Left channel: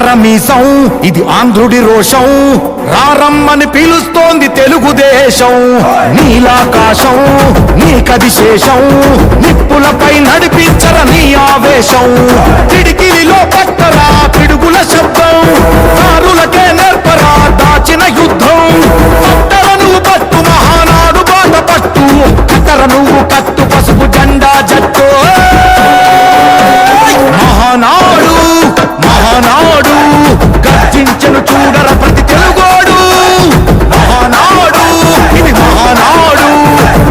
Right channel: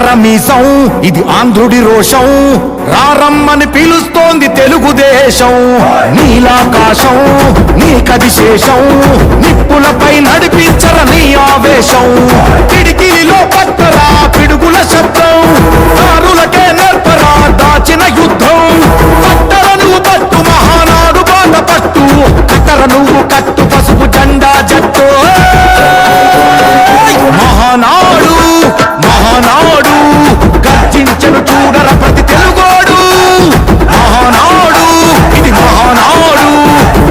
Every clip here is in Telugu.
తిప్పరమీసం ఇది ఆంధ్రుడి రోషం రారమ్మని పిలుస్తోంది తెలుగుదేశం నీలాకాశం నీకది శేషం నిప్పులపై నడిపించర నీ ఆవేశం పిడికిలిలో పట్టరా పిడుగుల శబ్దం దారులకే నేర్పరా దాచిన యుద్ధం పట్టర నువ్వు పట్టు మహానాడు బాట పట్టు కట్టర నువ్వు కట్టు పసుపు జెండా జట్టు మహానాడు మహానాడు గర్జించను చూడర ప్రతి తెలుగోడు మహానాడు ఇది మహానాడు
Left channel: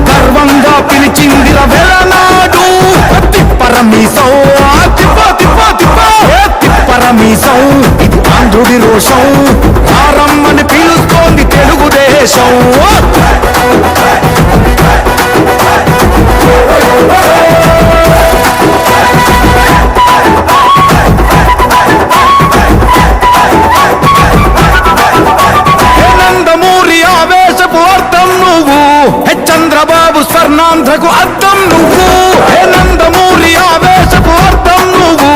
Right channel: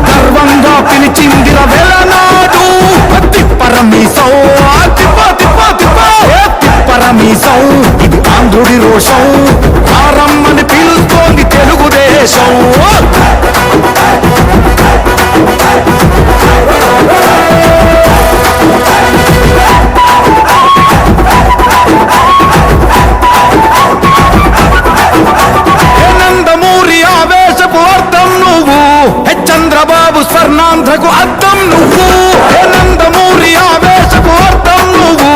గర్వంగా పిలిచిందిర వెలనాడు తిప్పరమీసం తిప్పరమీసం ఇది ఆంధ్రుడి రోషం రారమ్మని పిలుస్తోంది తెలుగుదేశం ఆవేశపు అర్థం నువ్వు చంద్రబాబు స్వర్ణాంధ్రకు అర్థం నువ్వు హే నందమూరి ఆవేశపు అర్థం నువ్వు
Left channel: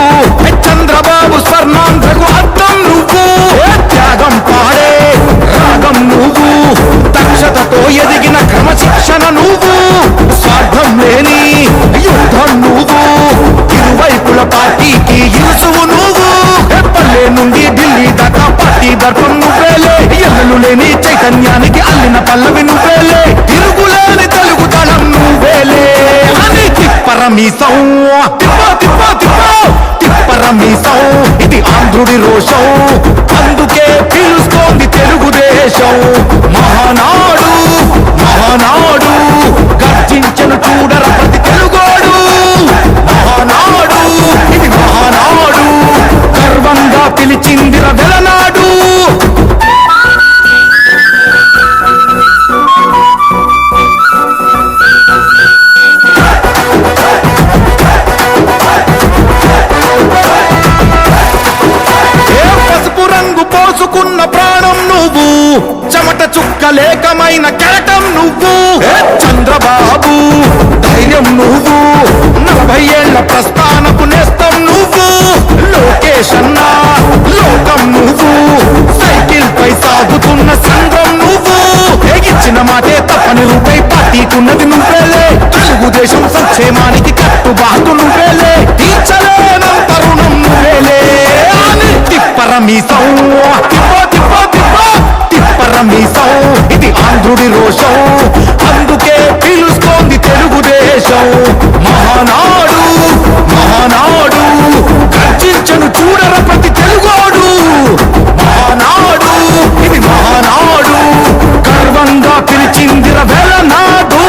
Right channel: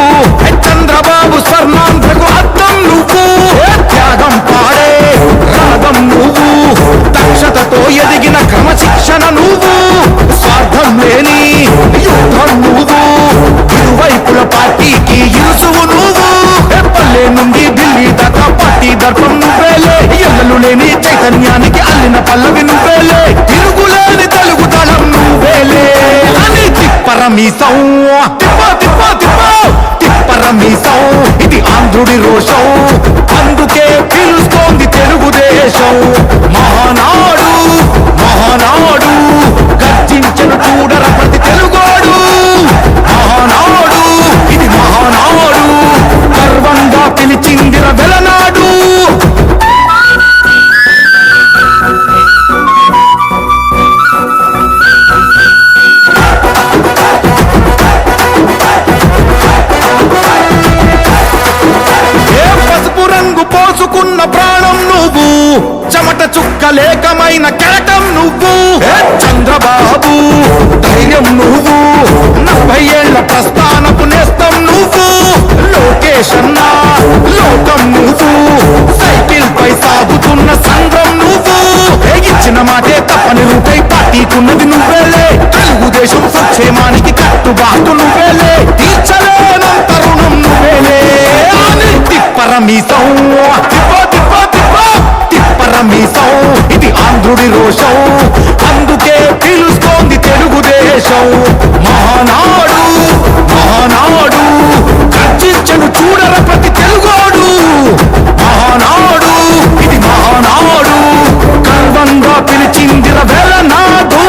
చంద్రబాబు స్వర్ణాంధ్రకు అర్థం నువ్వు త్యాగం పాడే రాగం నువ్వు దక్షతతో ఎదిగిన క్రమశిక్షణ నువ్వు స్వార్థం లేని యుద్ధం నువ్వు ఇరువైపుల పార్టీకి ఇరుసువు నువ్వు పల్లె నుండి ఢిల్లీ దాకా పార్టీ దర్పం నువ్వేలే ఎల్లలు లేని చైతన్యానికి అల్లిన పల్లవి నువ్వేలే తిరుగులేని తెలుగు దళం నువ్వేలే అని తిప్పరమీసం తిప్పరమీసం ఇది ఆంధ్రుడి రోషం అందుకే పిలుస్తోంది తెలుగుదేశం మహానాడు మహానాడు గర్జించను చూడర ప్రతి తెలుగోడు మహానాడు ఇది మహానాడు గర్వంగా పిలిచిందిర వెలనాడు పసుపు రంగు పోసుకున్న ప్రాణం నువ్వు చెమట చుక్కలేకమైన కెరటం నువ్వు చంద్రబాబు ధైర్యం నువ్వు 40 ఏళ్ల ప్రస్థానపు నేస్తం నువ్వు లోకేష్ అన్నా లోకం నువ్వు సైకిల్ పై సాగుతున్న సంద్రం నువ్వు ఇచ్చిన మాటే తప్పని రూపై పార్టీకున్నది నువ్వేలే తెలుగుదేశం సంక్షేమానికి కట్టుబాటు నువ్వేలే తీర్చలేనంత రుణం నువ్వేలే అని తిప్పరమీసం తిప్పరమీసం ఇది ఆంధ్రుడి రోషం అందుకే పిలుస్తోంది తెలుగుదేశం మహానాడు మహానాడు గర్జించను చూడర ప్రతి తెలుగోడు మహానాడు ఇది మహానాడు గర్వంగా పిలిచిందిర వెలనాడు